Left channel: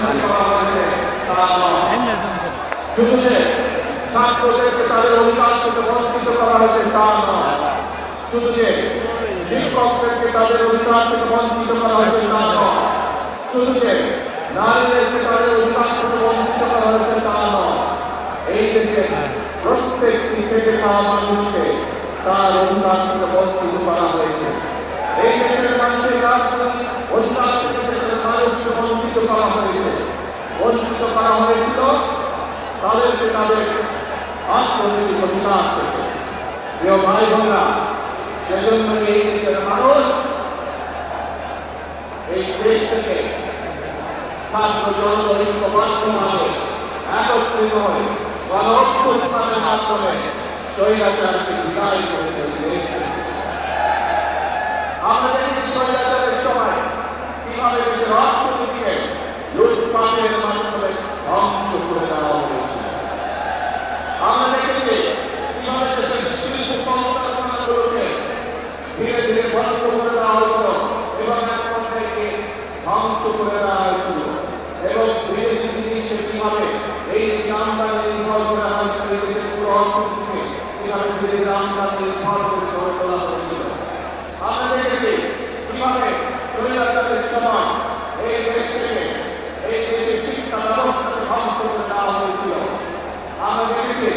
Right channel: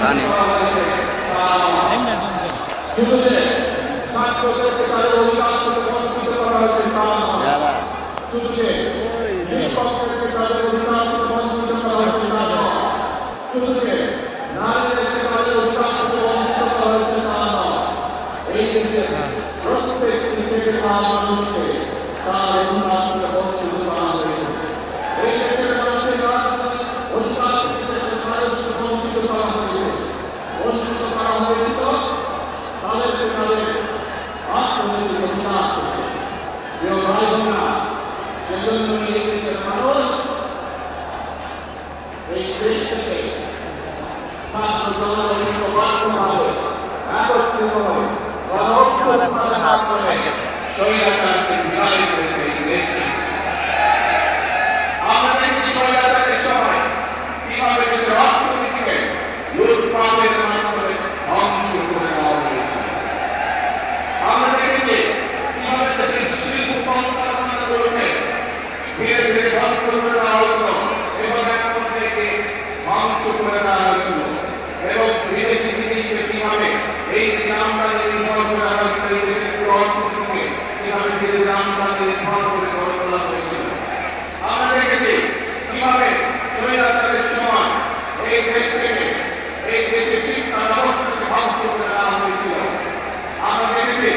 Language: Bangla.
জানি শুধু যে ছাত্রদেরকে তাদের অধিকার থেকে বঞ্চিত করা হয়েছে তা নয়, শুধু যে শিক্ষকদেরকে তাদের অধিকার থেকে বঞ্চিত করা হয়েছে তা নয়, শুধু যে নারীদেরকে তাদের অধিকার থেকে বঞ্চিত করা হয়েছে তা নয়, এই দেশে প্রত্যেকটি পেটে খাওয়া মানুষকে তার অধিকার থেকে বঞ্চিত করা হয়েছে। এই দেশের মানুষের রাজনৈতিক অধিকার থেকে দেশের মানুষকে বঞ্চিত করা হয়েছে। বঞ্চিত করা হয়েছিল তাদেরকে তাদের অর্থনৈতিক অধিকার থেকে। প্রিয় ভাই বোনেরা, সেজন্য এই দেশের মানুষ এই দেশ থেকে ছাত্র জনতা ঐক্যবদ্ধভাবে একত্রিত হয়ে গণ-অভ্যুত্থানের মাধ্যমে স্বৈরাচারকে বিদায় করেছে এই দেশে। আমরা দেখেছি স্বৈরাচারের সময় কিভাবে দেশের অর্থনীতিকে লুটপাটের মাধ্যমে ধ্বংস করে দেওয়া হয়েছে। আমরা দেখেছি কিভাবে দেশের শিল্প কলকারখানাগুলোকে ধীরে ধীরে বন্ধ করে দেওয়া হয়েছিল এবং এখন থেকে ধ্বংস করে দেওয়া হয়েছিল এবং বিদেশে কিভাবে এই দেশে আমদানি নির্ভর করা হয়েছিল, এই দেশের পুরো অর্থনীতিকে কিভাবে ধীরে ধীরে আমদানি নির্ভর করে গড়ে তোলা হয়েছিল। আমরা দেখেছি কিভাবে স্বৈরাচারের সময় এই দেশ থেকে এই দেশের শিক্ষা ব্যবস্থাকে ধ্বংস করে দেওয়া হয়েছিল। আমরা দেখেছি